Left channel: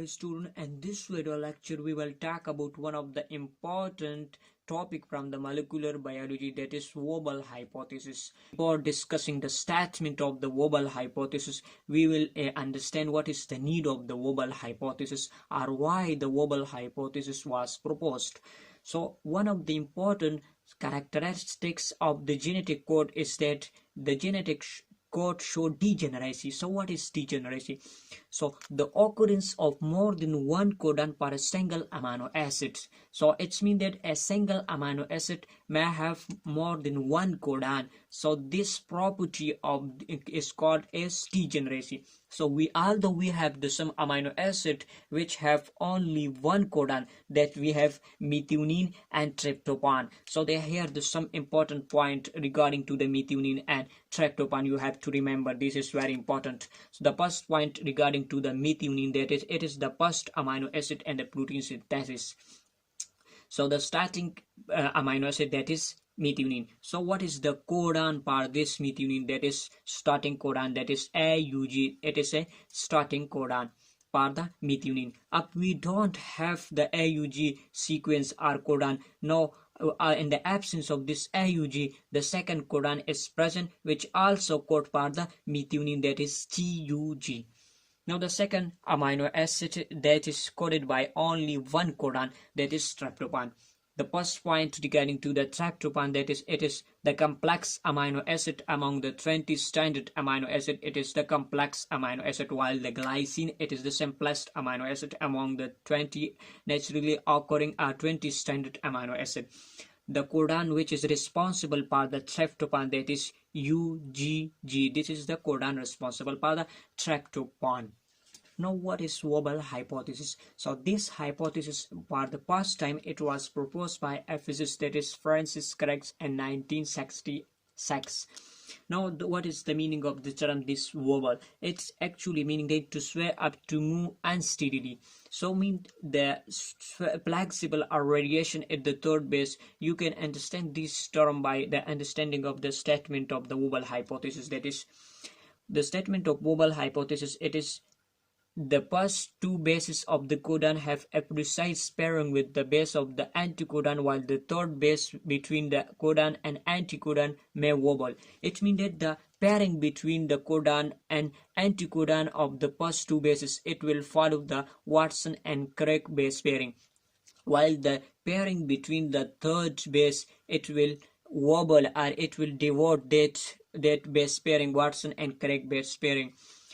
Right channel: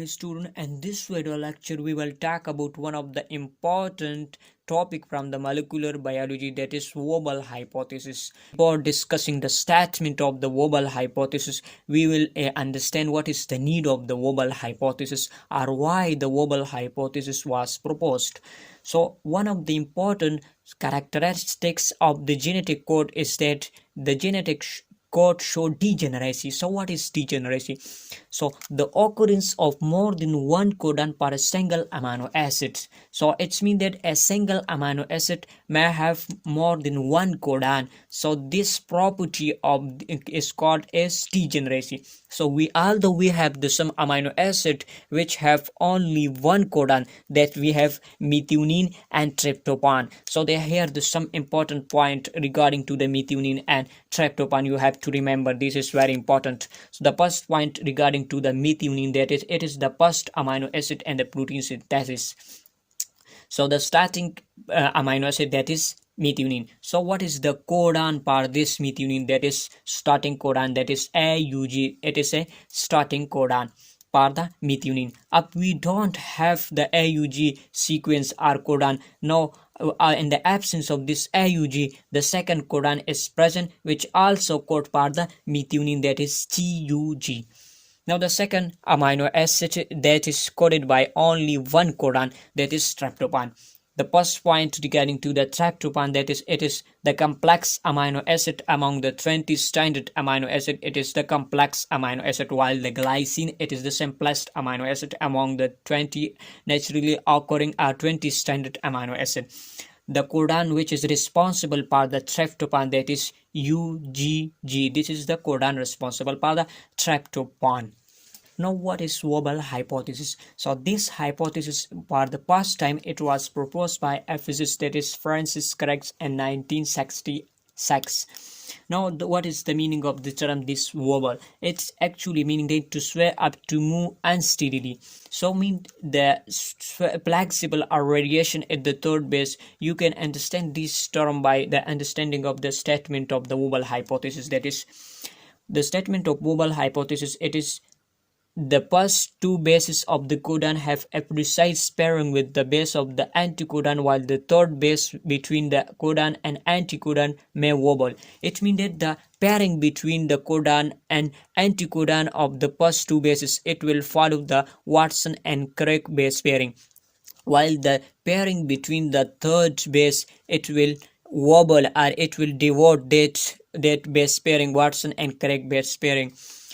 Hi student, and this video lecture we will talk about one of the important topic from the molecular biology, that is Wobble hypothesis. Before discussing the statement of the Wobble hypothesis, we will understand what is the need of the Wobble hypothesis or why the Wobble hypothesis was proposed. So one of the important characteristics of the genetic code is that the genetic code show degeneracy. So what is degeneracy? So the occurrence of more than one codon per single amino acid. So it's mean that a single amino acid may have more than one codon. So this property of is called as degeneracy. So although we have some amino acid which have only one codon, that we have methionine and tryptophan. So here some important point regarding to the methionine and tryptophan you have to remember. This is very important. So the first point regarding to the methionine, that is it is the first amino acid and the protein synthesis. So the starting amino acid, that is methionine. So what is the codon for this methionine? That is starting codon, that is AUG. It is a starting codon for the methionine. Up we don't have the AUG sequence or codon. Now in the absence of this AUG, the second codon is present, which also code for the methionine, that is TUG. Now the second amino acid that is coded by only one codon, that is tryptophan. The first point regarding to the tryptophan, that is it is the complex amino acid among the 20 standard amino acid. It is the complex amino acid, while the glycine, it is the simplest amino acid among the 20 naturally occurring 20 standard amino acid. The codon which is responsible for the tryptophan, that is UGG. This is the codon responsible for the tryptophan. Now what is Wobble hypothesis? So this hypothesis, for the first time it was proposed by a physicist, that is Francis Crick, in 1966. Now what is the meaning of the term this wobble? It's actually meaning that to sway up, to move unsteadily. So mean the flexible or radiation at the third base. You can understand this term by the understanding of the statement of the Wobble hypothesis. That is the statement of Wobble hypothesis. It is the first two bases of the codon have a precise pairing with the base of the anticodon, while the third base between the codon and anticodon may wobble. It means that the pairing between the codon and anticodon of the first two bases, it will follow the Watson and Crick base pairing, while the pairing between the third base, it will wobble, or it will devote that base pairing, Watson and Crick base pairing.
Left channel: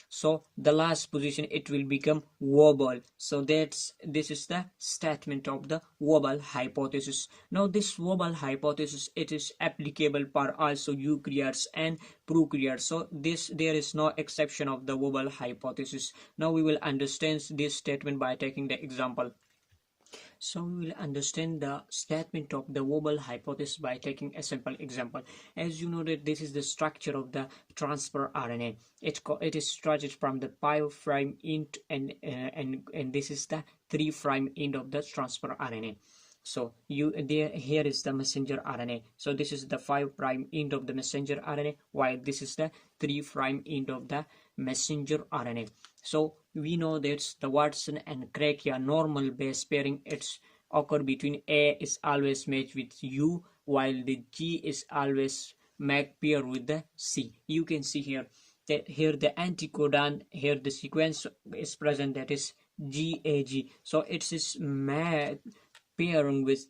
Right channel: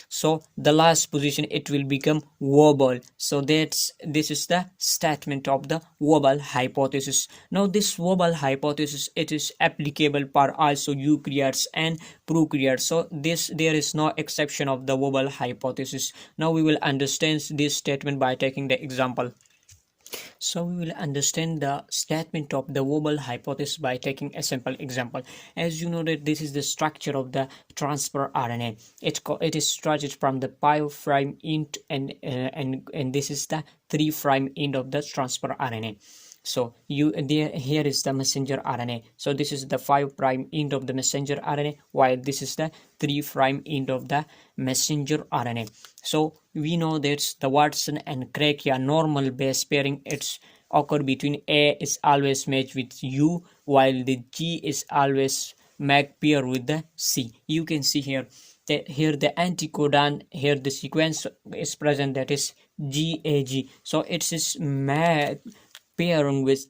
So the last position, it will become wobble. So this is the statement of the Wobble hypothesis. Now this Wobble hypothesis, it is applicable for also eukaryotes and prokaryotes. So there is no exception of the Wobble hypothesis. Now we will understand this statement by taking the example. So we will understand the statement of the Wobble hypothesis by taking a simple example. As you know that this is the structure of the transfer RNA. It is structured from the 5' end and this is the 3' end of the transfer RNA. So here is the messenger RNA. So this is the 5' end of the messenger RNA, while this is the 3' end of the messenger RNA. So we know that the Watson and Crick normal base pairing, it's occur between A is always matched with U, while the G is always make pair with the C. You can see here that here the anticodon, here the sequence is present, that is GAG. So it is pairing with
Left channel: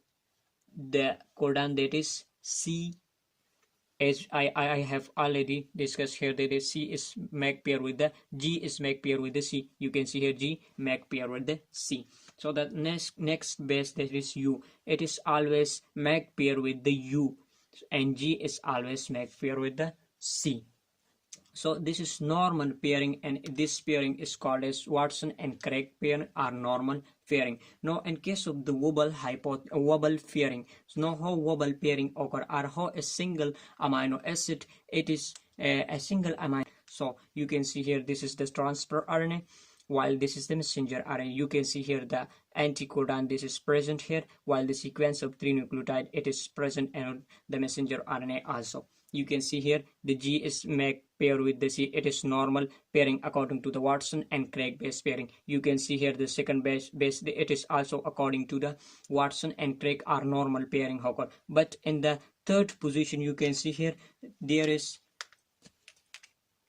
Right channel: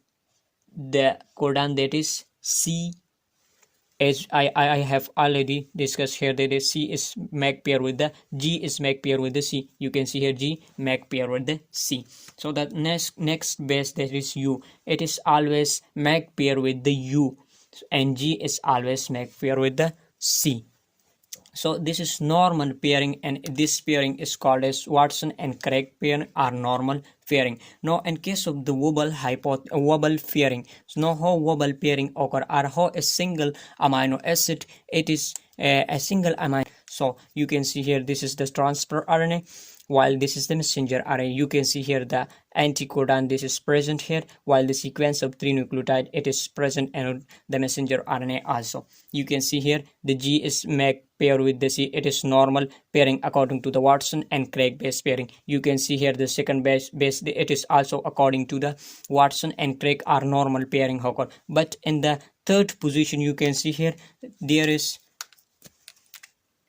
the codon, that is C. As I have already discussed here, that is C is make pair with the G is make pair with the C. You can see here G make pair with the C. So the next base, that is U, it is always make pair with the U, and G is always make pair with the C. So this is normal pairing, and this pairing is called as Watson and Crick pairing or normal pairing. Now in case of the Wobble pairing, so now how Wobble pairing occur, or how a single amino acid, it is a single amino. So you can see here this is the transfer RNA, while this is the messenger RNA. You can see here the anticodon, this is present here, while the sequence of 3 nucleotide, it is present in the messenger RNA also. You can see here the G is make pair with the C, it is normal pairing according to the Watson and Crick base pairing. You can see here the second base, it is also according to the Watson and Crick are normal pairing occur. But in the third position, you can see here there is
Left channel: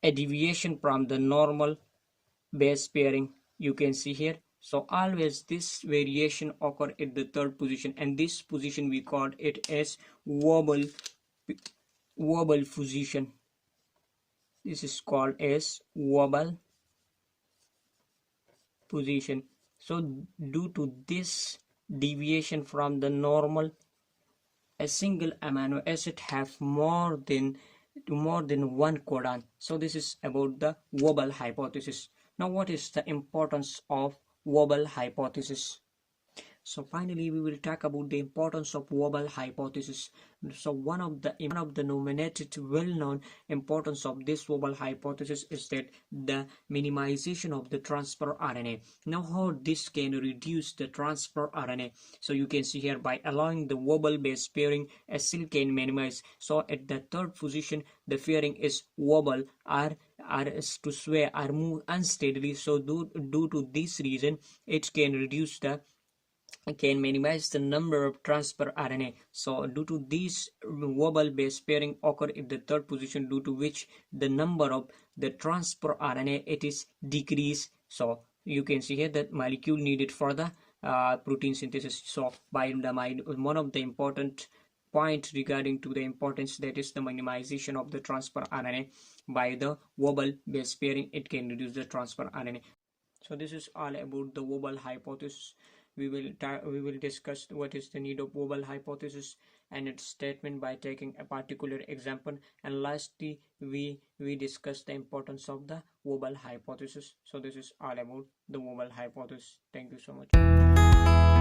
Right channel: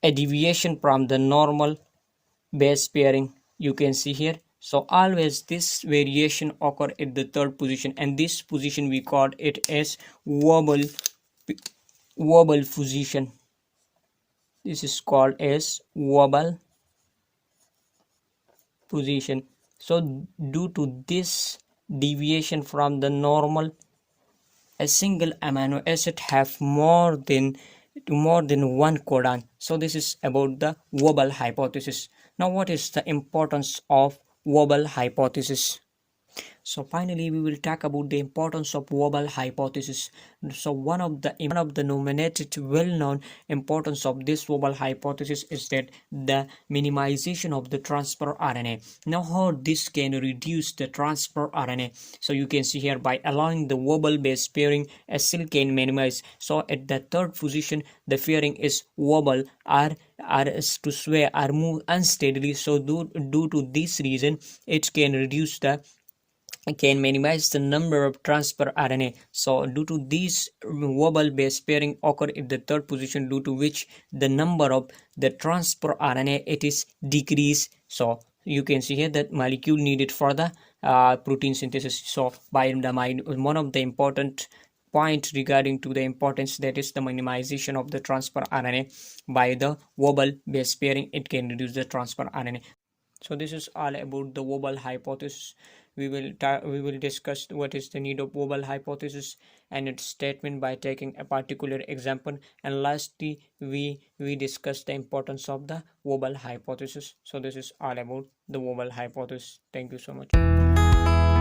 a deviation from the normal base pairing. You can see here, so always this variation occur at the third position, and this position we call it as wobble position. This is called as wobble position. So due to this deviation from the normal, a single amino acid have more than one codon. So this is about the Wobble hypothesis. Now what is the importance of Wobble hypothesis? So finally, we will talk about the importance of Wobble hypothesis. So one of the nominated well-known importance of this Wobble hypothesis is that the minimization of the transfer RNA. Now how this can reduce the transfer RNA? So you can see here by allowing the Wobble base pairing, a cell can minimize. So at the third position, the pairing is wobble or to sway or move unsteadily. So due to this reason, it can minimize the number of transfer RNA. So due to this wobble base pairing occur in the third position, due to which the number of the transfer RNA it is decreased. So you can see here that molecule needed for the protein synthesis. So by the one of the important point regarding to the importance, that is the minimization of the transfer RNA by the wobble base pairing, it can reduce the transfer RNA. So this is all about the Wobble hypothesis. We will discuss what is the need of Wobble hypothesis and its statement by taking a particular example, and lastly we discuss the importance of the Wobble hypothesis. So this is all about the Wobble hypothesis. Thank you so much.